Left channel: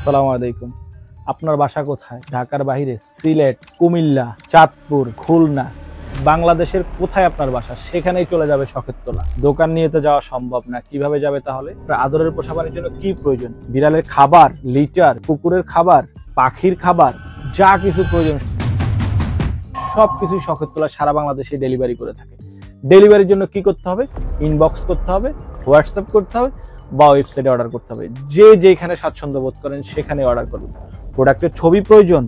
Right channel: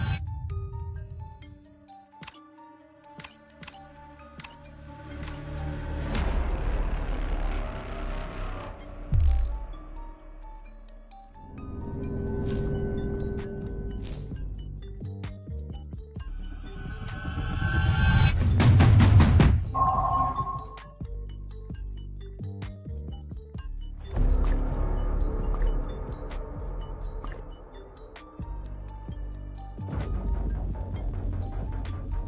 আসসালামু আলাইকুম। আপনার বাসা কোথায়? ঢাকার বাইরে, সিলেট, কুমিল্লা, চাঁদপুর, খুলনা, বাংলাদেশের কোথায় আপনার বাসা? সেখানেই চলে যাবে শখের তোলা। দোকান নিয়ে তো যাওয়া সম্ভব না, কিভাবে যাবে তাহলে? আদরের পোষা প্রাণীর জন্য কি প্রয়োজন? বিড়ালের খাবার, লিটার, কুকুরের খাবার, পাখির খাবার, যা কিছু প্রয়োজন সবকিছুই শখের তোলা সারা বাংলাদেশে ডেলিভারি করে থাকে। ডেলিভারির জন্য কি করতে হবে? ইনবক্স করতে হবে, হোয়াটসঅ্যাপ করতে হবে বা ওয়েবসাইটে অর্ডার করতে হবে। যে যেখানে স্বাচ্ছন্দ্য বোধ করেন সেখানে অর্ডার করুন। প্রোডাক্টের ছবি প্রয়োজন,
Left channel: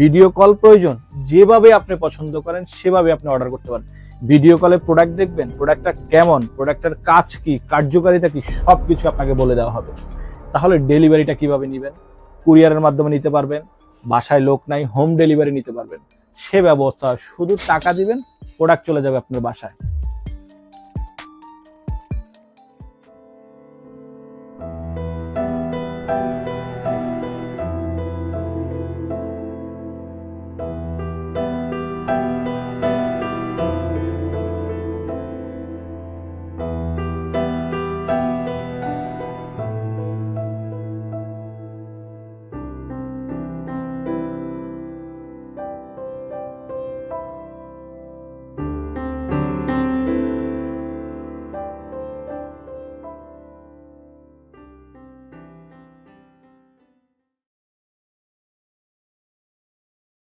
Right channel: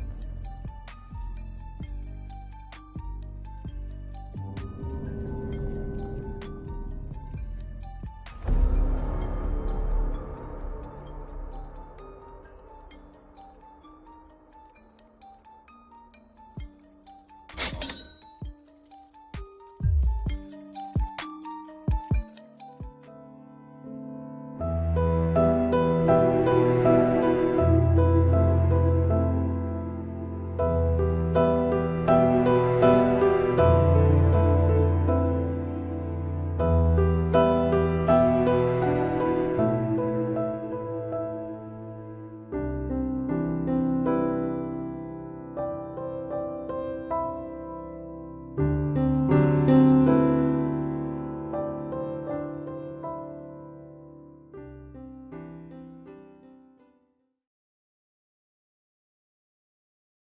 ভিডিও কল প্রয়োজন, যেভাবে আপনি পছন্দ করেন সেভাবে আপনি অর্ডার করতে পারেন। ভিডিও কলে প্রোডাক্ট দেখবেন, প্রোডাক্টটা কেমন, প্রোডাক্টের কাজ কি, কার্যকারিতা কি, সবকিছু আপনাকে বলে দেওয়া হবে। তাহলে ডেলিভারিটা কিভাবে নেবেন? কুরিয়ারের মাধ্যমে নিতে পারবেন, বাসায় লোক নাই, হোম ডেলিভারি নিতে পারবেন। সে ব্যবস্থা, শুধু টাকা দিবেন, প্রোডাক্ট চলে যাবে আপনার বাসায়।